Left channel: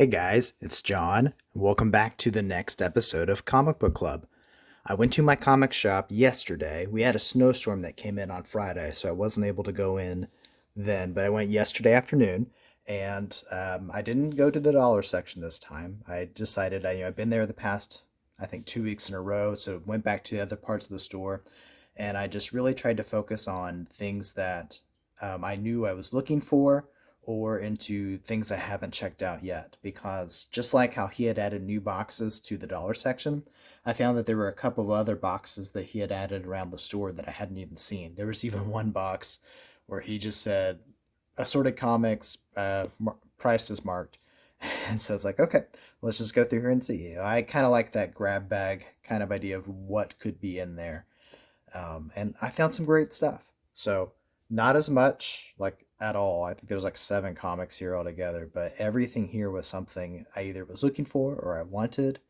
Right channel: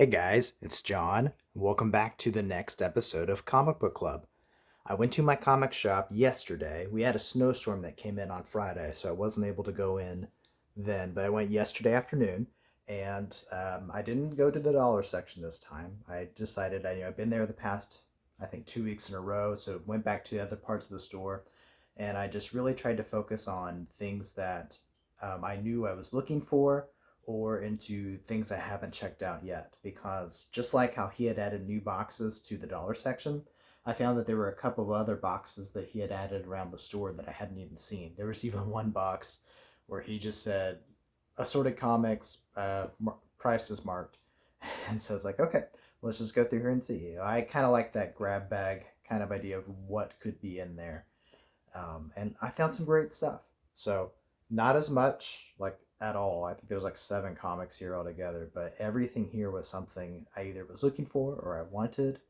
Hey guys, it's John. Welcome back to the next episode of Comic Book Club. I went to my comic shop yesterday. We had a snowstorm that came in on Friday, so I wasn't able to go in then, but I went yesterday afternoon and I didn't go to the dollar section this time. I decided I've been there the past, I think, 2 weeks in a row, so went back to the other parts of the store and I just really tried to focus on things that I knew I was looking for or into things I haven't checked out yet. Because just like how he had added new boxes to the dollar section, I found that there were a couple of other boxes that he had added around the store that I hadn't even seen. There was even one box where he just said assorted comics, price is marked. And so it's like, okay, let's just go through here and see. I kind of like that grab bag kind of idea of what could be in there. And I found some great stuff. So not as much like at all. I think there's like 7 comics here altogether, but everything here was something I either was looking for or I wanted,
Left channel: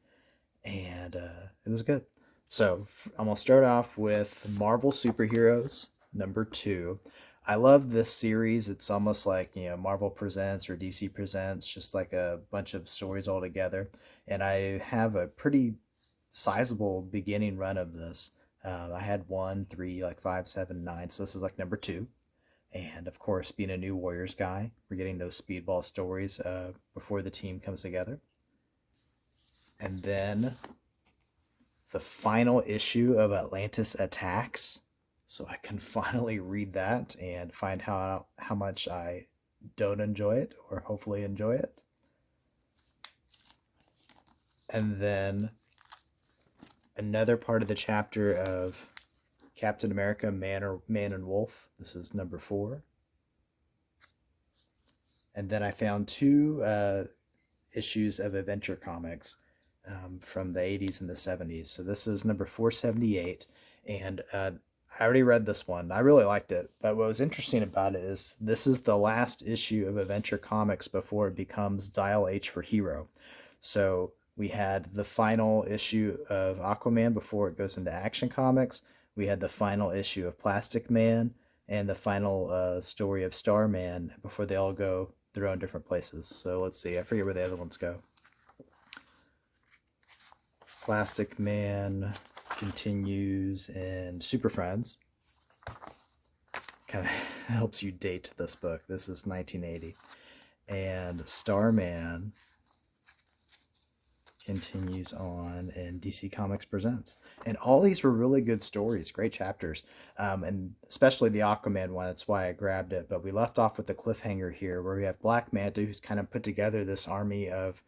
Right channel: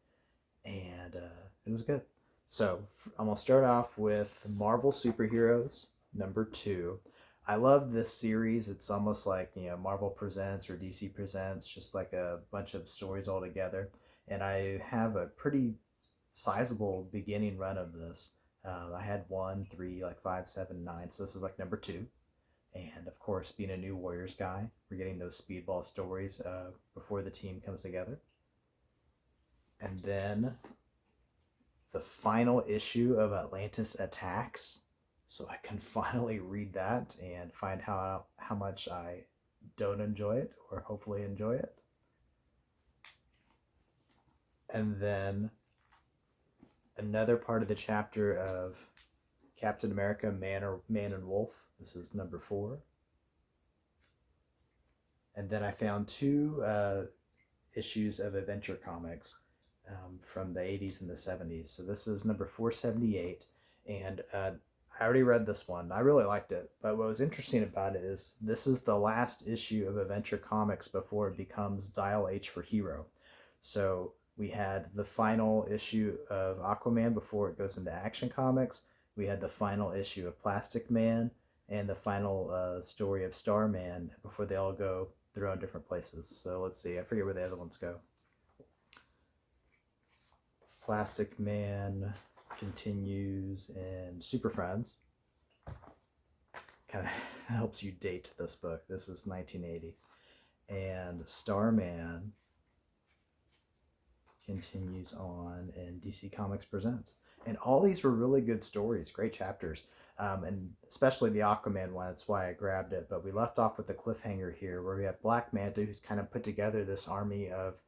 and it was good. So I'm gonna start off with Marvel Superheroes #2. I love this series. It's almost like Marvel Presents or DC Presents, just like a bunch of stories all together. And I have a pretty sizable beginning run of this. I had one, three, like five, seven, nine. So this is like #2. And of course, being a new Warriors guy, we're getting those speedball stories before the team comes together. And then the final issue of Atlantis Attacks. So I can finally read that and find how much I don't enjoy it or hopefully enjoy it. And then another part of the chapter of Captain America, Man and Wolf. This is #4. And then I found two issues of Adventure Comics from the 80s and the 70s. So this is #478. And I already read this one. I really liked it. But what was interesting about it is this is the last issue of Adventure Comics before it becomes Dial H for Hero. So we had the final issue of Aquaman before it goes into Action Comics. We had the final issue of Plastic Man and the final story of Starman before they all go their own different places. So let's see. I forget where the other ones go. Plastic Man continues in Super Friends. Kind of helps you date this book. This is 1980. And Starman continues on in DC Comics Presents. And all these were really good stories, great chapters. And especially the Aquaman one, that's why I grabbed it. But we left off with the cliffhanger here where we have Black Manta, who's kind of put together this army of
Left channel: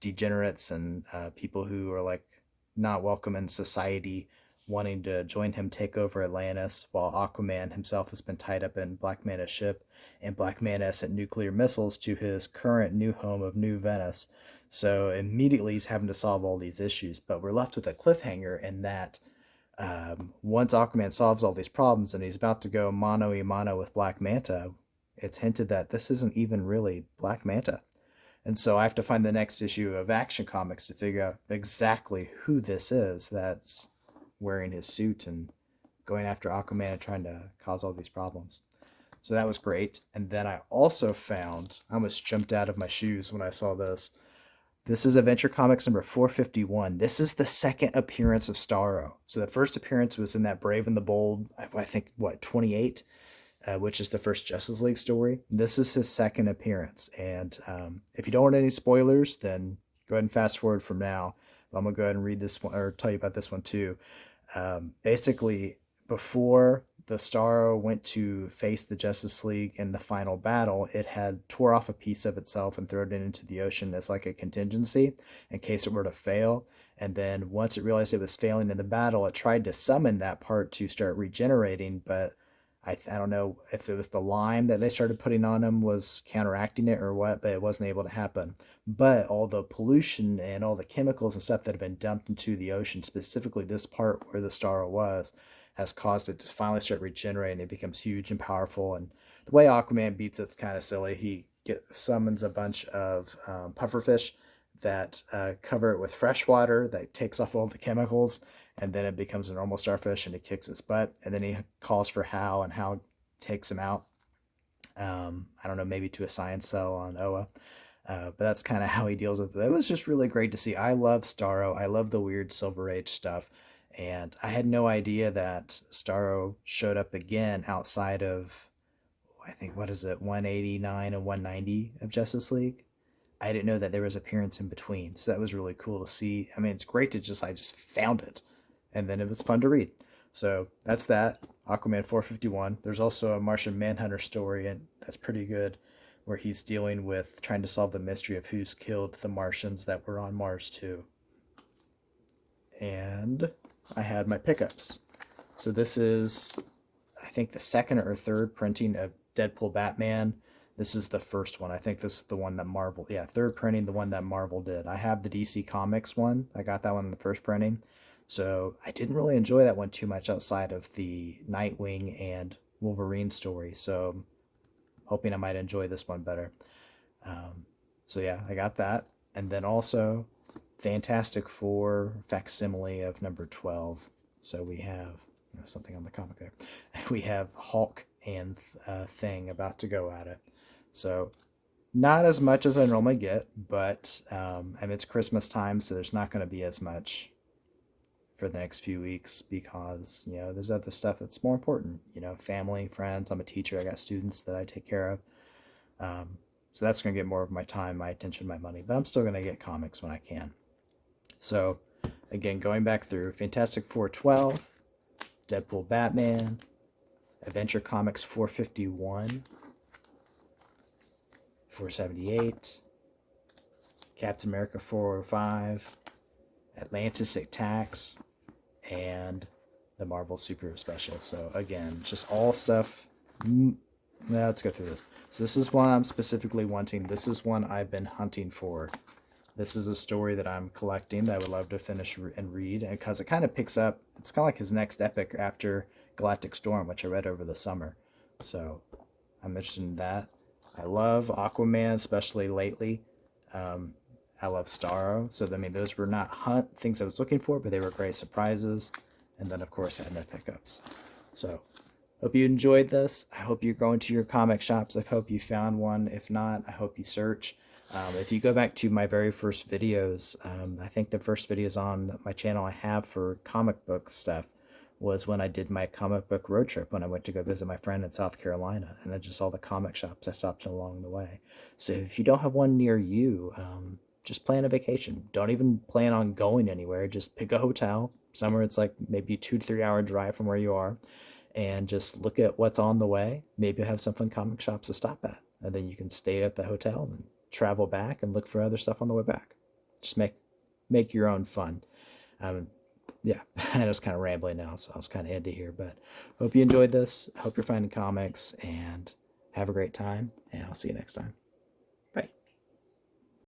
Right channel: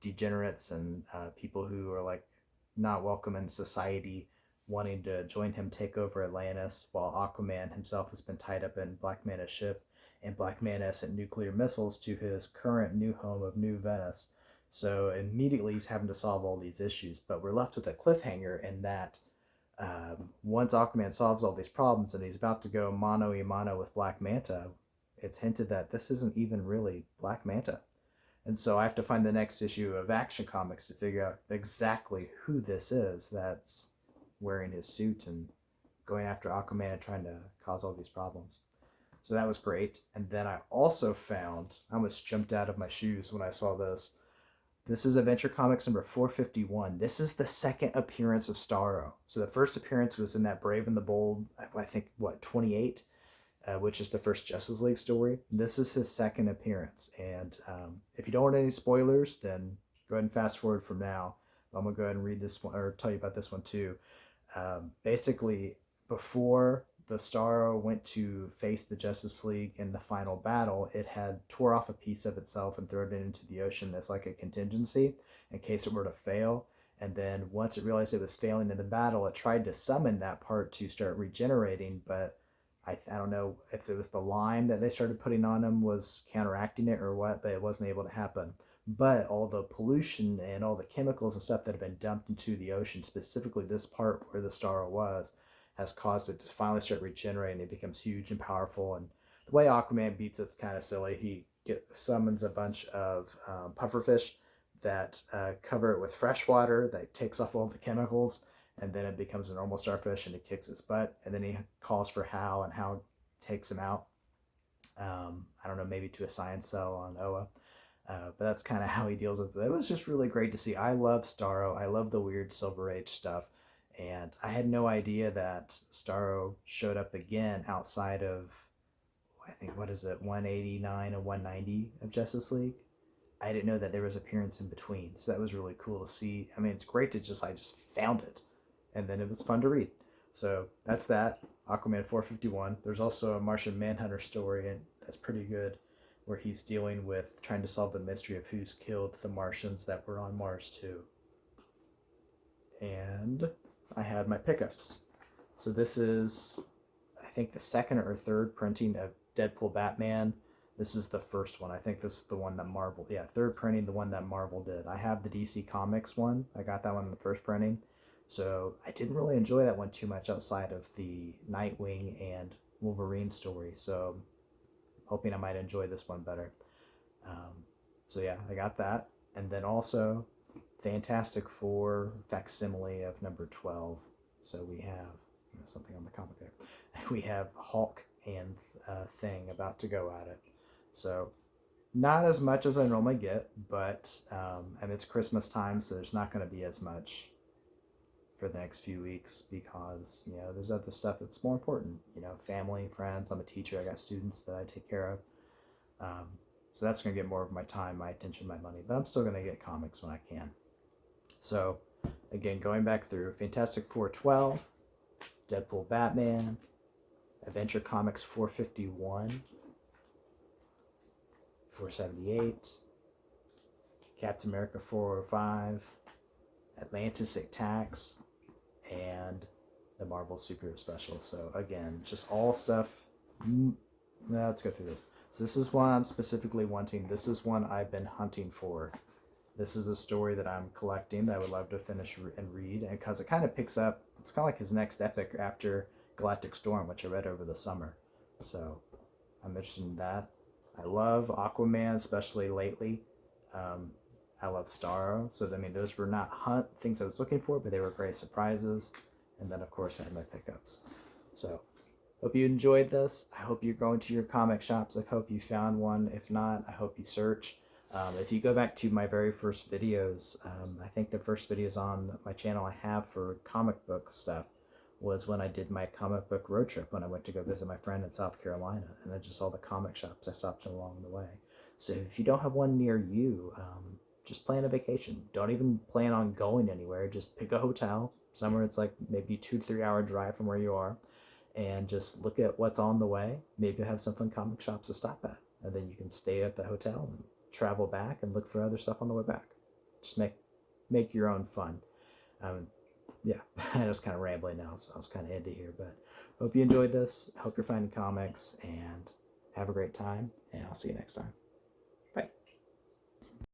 degenerates and people who are like not welcome in society, wanting to join him take over Atlantis, while Aquaman himself has been tied up in Black Manta's ship, and Black Manta sent nuclear missiles to his current new home of New Venice. So immediately he's having to solve all these issues, but we're left with a cliffhanger in that once Aquaman solves all these problems and he's about to go mano a mano with Black Manta, it's hinted that this isn't even really Black Manta. And so I have to find the next issue of Action Comics to figure out exactly who this is that's wearing his suit and going after Aquaman and trying to cause all these problems. So that was great. And then I also found, I almost jumped out of my shoes when I saw this. This is Adventure Comics #451. This is the second appearance of Starro. So the first appearance was in that Brave and the Bold, I think, 28, which is the first Justice League story. This is his second appearance. And if you don't want any spoilers, then go ahead and fast forward from now. I'm going to go ahead and read this one or tell you about this one too. Basically, before the Starro went to face the Justice League in the final battle, it had tore off a piece of itself and thrown it into the ocean as like a contingency in case it were to fail. And then once it realized it was failing in the battle, it tried to summon that part to start regenerating, but I don't know if it was the lime that they started putting on him was counteracting it or what, but it wasn't able to happen. But all the pollution and all the chemicals and stuff that have been dumped into the ocean, specifically this part where the star was, has caused it to finally start regenerating. It becomes huge and powerful. And the way Aquaman beats it's kind of silly. He summons a bunch of pufferfish that cover it with fresh water that takes off all the chemicals, and then it becomes a normal starfish and it kicks its butt. And then he calls for Hal, and Hal takes him out. I don't know, maybe to a science cell on Oa. But that's kind of how he deals with it. It was just really great to see. I love Starro. I love the weird Silver Age stuff. And I had no idea that Starro showed up again outside of, I think, what is it, 189 and 190 of Justice League. I didn't know that there was appearance in between. So that was really cool to see. I mean, it's great to just, I just found it. And then it was fun to read. So that's that. Aquaman 451. There's also a Martian Manhunter story, and that's pretty good, where he's dealing with trying to solve the mystery of who's killed the Martians that were on Mars too. And I had my pickups. So this is, I think, the second or third printing of Deadpool Batman. This is the first one. I think this is the one that Marvel, yeah, third printing, the one that Marvel did. I have the DC Comics one. I got that one in the first printing. So I didn't really enjoy that one too much outside of the Nightwing and Wolverine story. So I'm hoping I might enjoy this one better. So yeah, I got that. And then also Fantastic Four facsimile of number 12. So we have something on the comic there. We have Hulk and Thing about to go at it. So not as much as I normally get, but and it's Christmas time, so there's not going to be as much for the next few weeks because there's other stuff that's more important. Family, friends. I'm a teacher. I got students that I take care of. Um, so that's going to get more of my time, my attention, my money. But I'm still going to get comics when I can. So again, going back through Fantastic Four 12, Deadpool Batman, Adventure Comics 451, 478, Captain America 405, Atlantis Attacks, and the Marvel Superhero Special. So again, just all stuff. Now let's go through this. So this is one I'm specifically wanting. This is one I've been hunting for. This is a story that I'm collecting that I would love to finish and read, because it kind of picks up. It's kind of like his next epic after Galactic Storm, which I read over the summer. So I'm interested in that. I love Aquaman, especially lately. Um, I love Starro. So I mean, those were not things I was looking for, but they were great surprises. And then of course I had my pickups. So hope you enjoyed this. I hope you're going to your comic shops. I hope you found one. If not, I hope you search. If you go back to my very first videos, I think the first videos on my channel I have for comic book stuff was when I did my comic book road trip when I went to go visit my friend in South Carolina, and I just saw the comic shops I stopped in along the way. So if you don't have one near you, just plan a vacation. Don't even plan on going anywhere. Just pick a hotel somewhere it's like maybe 2 to 3 hour drive from where you are, and just look at what's on the way. Maybe you'll have some fun comic shops to stop at, and then you can stay at the hotel and travel back and look for other stuff on the way back. Just make your own fun. Um, yeah, I was kind of rambling now, so I was kind of into here, but hope you enjoyed this. Hope you're finding comics, and have a great time, and I'll see you next time.